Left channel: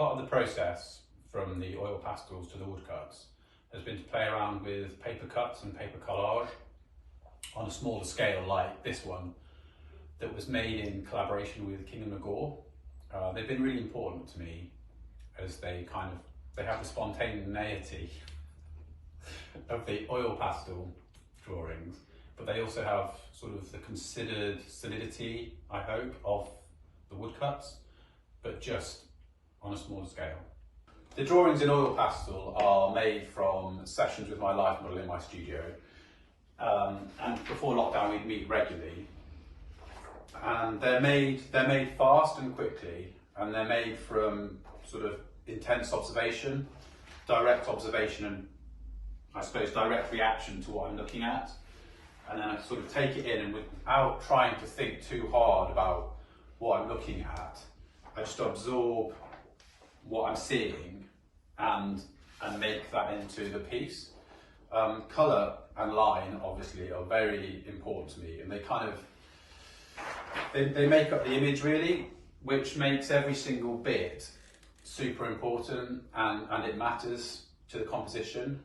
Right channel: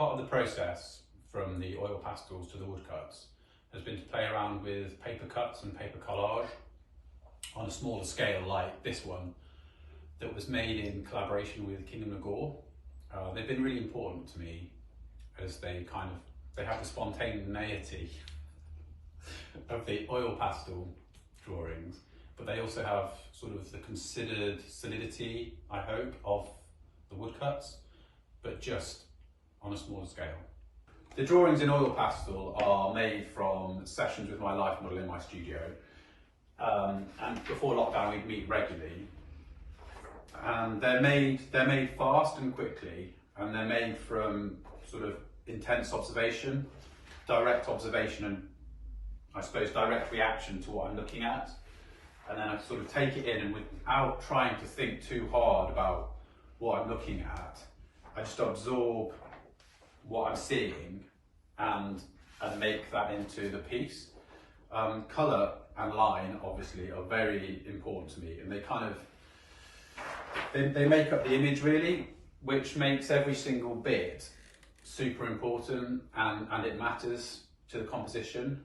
Part of the process from the oil pastels to the woodcuts has been to play around with paper cuts and paper collage on a smaller scale like this one that was made in collaboration with Mcgaw. They've been really important to me as they have the spontaneity of the oil pastel drawings, but they also have sort of the considered solidity, I hope, of the woodcuts, but just on a smaller scale. The drawings in oil pastel are made from sessions with my life model in my studio. And before lockdown we'd meet regularly. And they're made fast and quickly, and they're made from sort of intense observation, direct observation, and I suppose direct reaction to what I'm looking at. And then I sort of take it in, and without trying to think too hard about what I'm looking at, I just absorb what I'm seeing and make that into the piece. Colour and line obviously are very important to me, and they make up the image really, which makes every single bit super important, and it matters to the composition.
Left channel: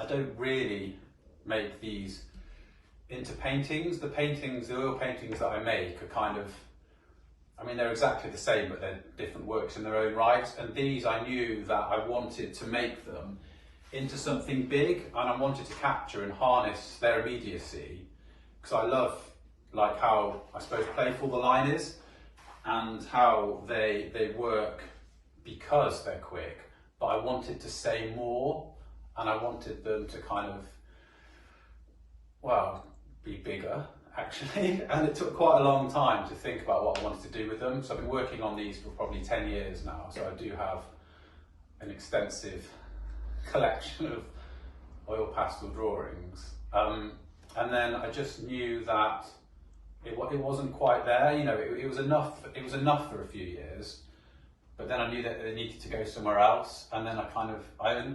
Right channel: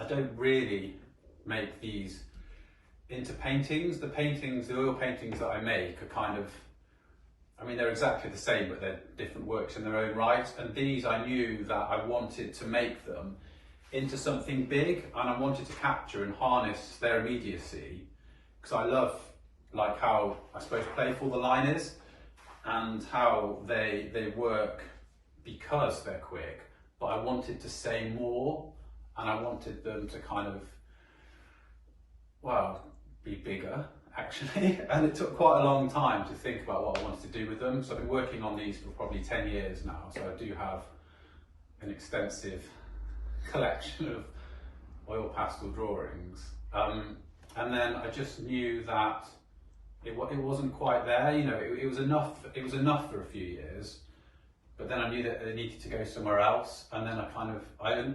I don't really make these into paintings. The oil paintings that I make are they're exactly the same, but they're different works in their own right. And these, I knew that I wanted to make them into something big, and I wanted to capture and harness their immediacy, because I love how, I suppose, playful the line is, and how they work because they're quick, but I wanted to say more, and I wanted them to be bigger, actually. And it took quite a long time to think about what I wanted to do with them. So I've been working on these for probably 10 years now, so I do have an extensive collection of oil pastel drawings. And then I just knew that it wasn't quite there. It was enough for a few years, but then I knew that it needed to go somewhere else. And then I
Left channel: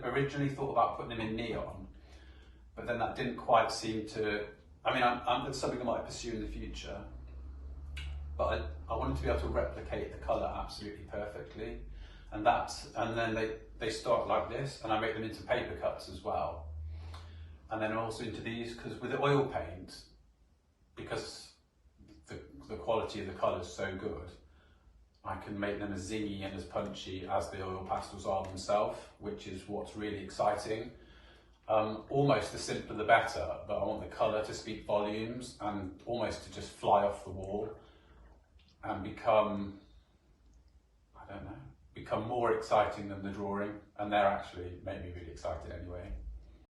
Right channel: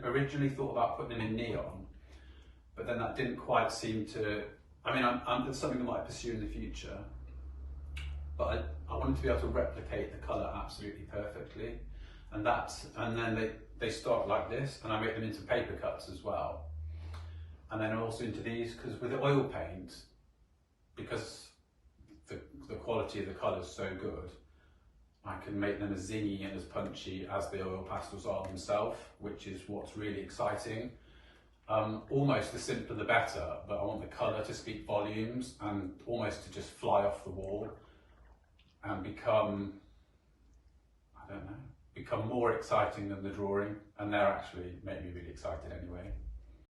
originally thought about putting them in neon, but then that didn't quite seem to, it's something I might pursue in the future, but I wanted to be able to replicate the colour absolutely perfectly. And then they start like this, and I make them into paper cuts as well. And then also into these, because with the oil paint, because the quality of the colour is so good, I can make them as zingy and as punchy as the oil pastels are themselves, which is what's really exciting. Almost the simpler the better, but I want the colour to speak volumes and almost to just fly off the wall and become more exciting than the drawing, and they're actually make me really excited anyway.